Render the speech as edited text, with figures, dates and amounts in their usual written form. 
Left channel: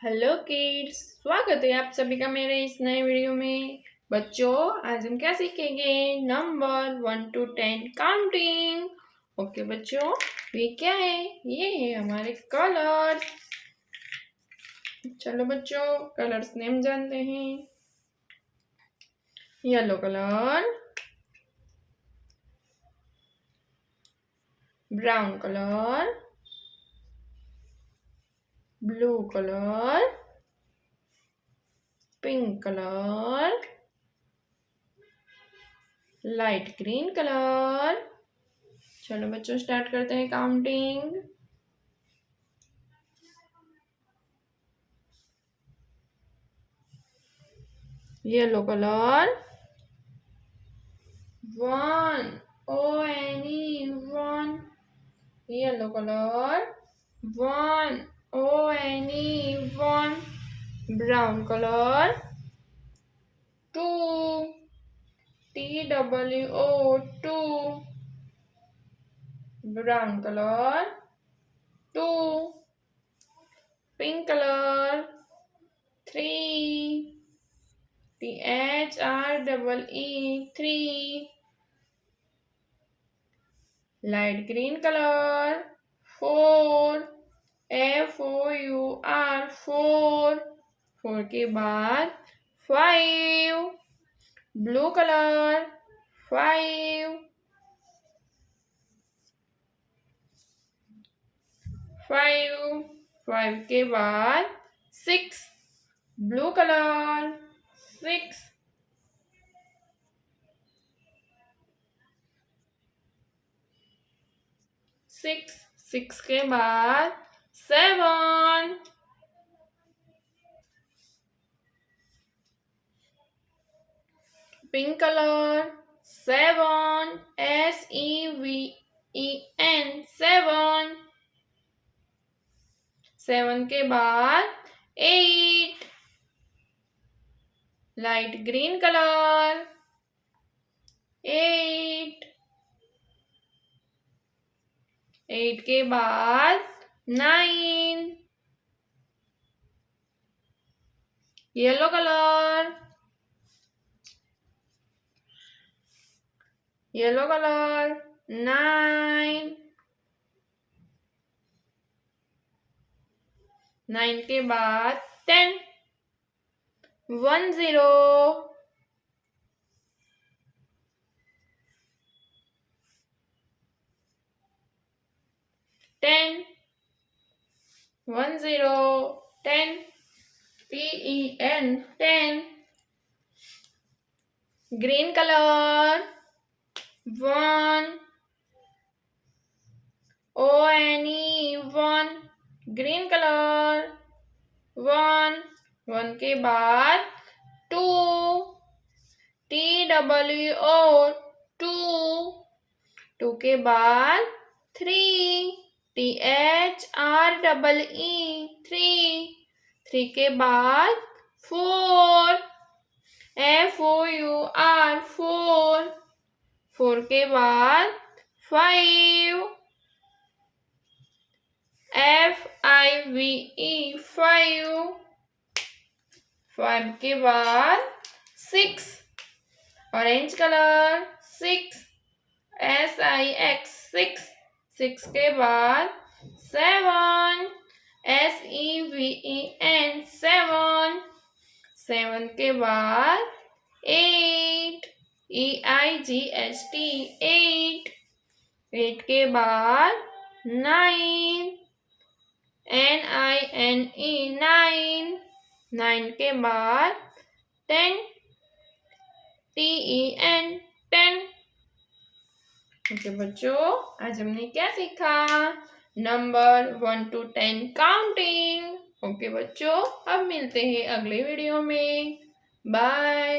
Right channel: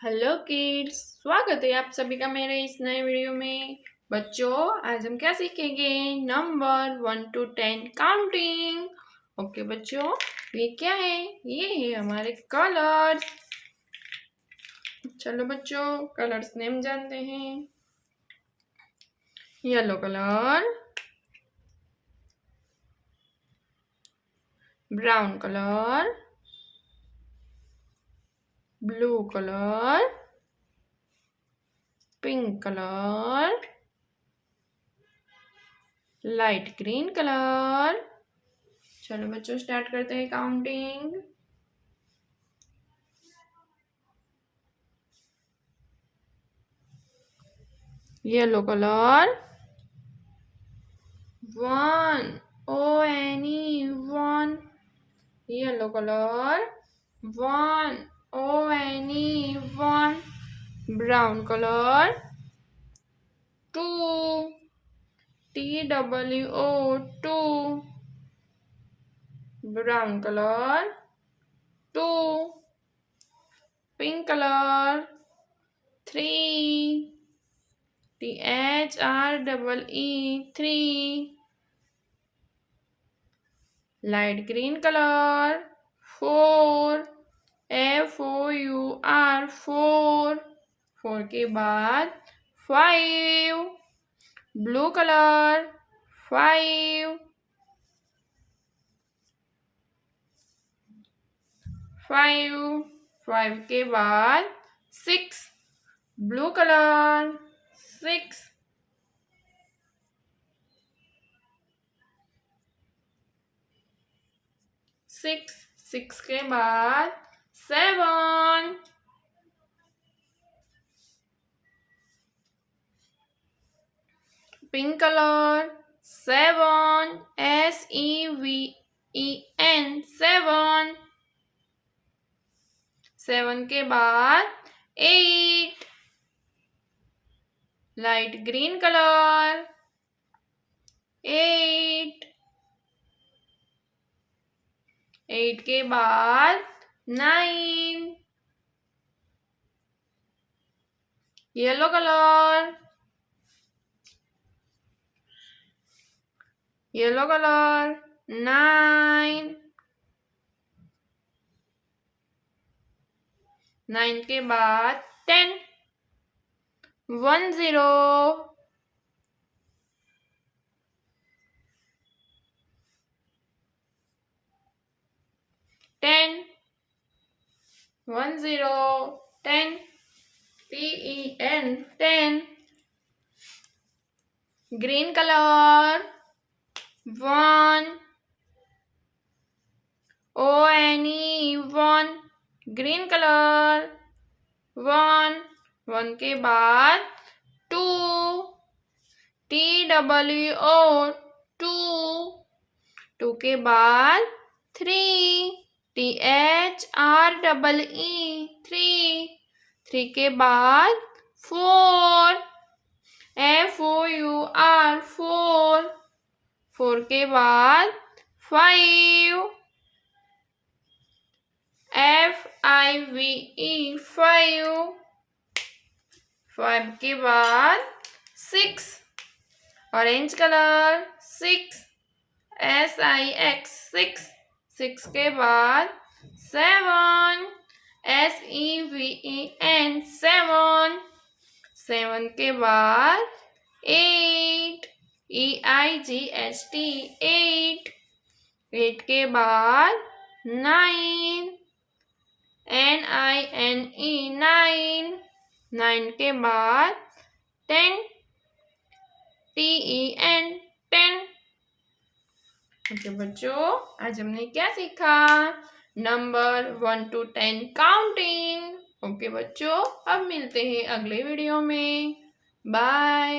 Hello kids, स्वागत है आप सभी का मेरे इस नए वीडियो में। बच्चों, आज हम क्या सीखेंगे? Number 1 to 10 counting. ओके बच्चों, ये क्या है? ये है हमारे कलर्स। चलो बच्चों, कलर्स नेम जानते हैं। Yellow colour, brown colour, blue colour, pink colour, light green colour. चलो बच्चों, स्टार्ट करते हैं counting. Yellow colour, 1, O-N-E, 1. Yellow color, 1, O-N-E, 1. Brown color, 2, T-W-O, 2. Brown color, 2. Pink color, 3, T-H-R-E-E, 3. Light green color, 4, F-O-U-R, 4. 4 के बाद 5. Blue colour, 5. 5 के बाद 6. Blue colour, 6. 6 के बाद 7. Pink colour, 7, S-E-V-E-N, 7. 7 के बाद 8. Light green colour, 8. 8 के बाद 9. Yellow colour, 9. 9 के बाद 10. 1, 0. 10. 1, 0. 10. T-E-N, 10. Green color, 1. O-N-E, 1. Green color, 1. 1 के बाद 2. T-W-O, 2. 2 के बाद 3. T-H-R-E-E, 3. 3 के बाद 4. F-O-U-R, 4. 4 के बाद 5. F-I-V-E, 5. 5 के बाद 6. Orange colour, 6. S-I-X, 6. 6 के बाद 7. S-E-V-E-N, 7. 7 के बाद 8. E-I-G-H-T, 8. 8 के बाद 9. N-I-N-E, 9. 9 के बाद 10. T-E-N, 10. ओके बच्चों, आज हमने क्या सीखा? Number 1 to 10 counting. ओके बच्चों, अब मिलते हैं अगले वीडियो में। बाय।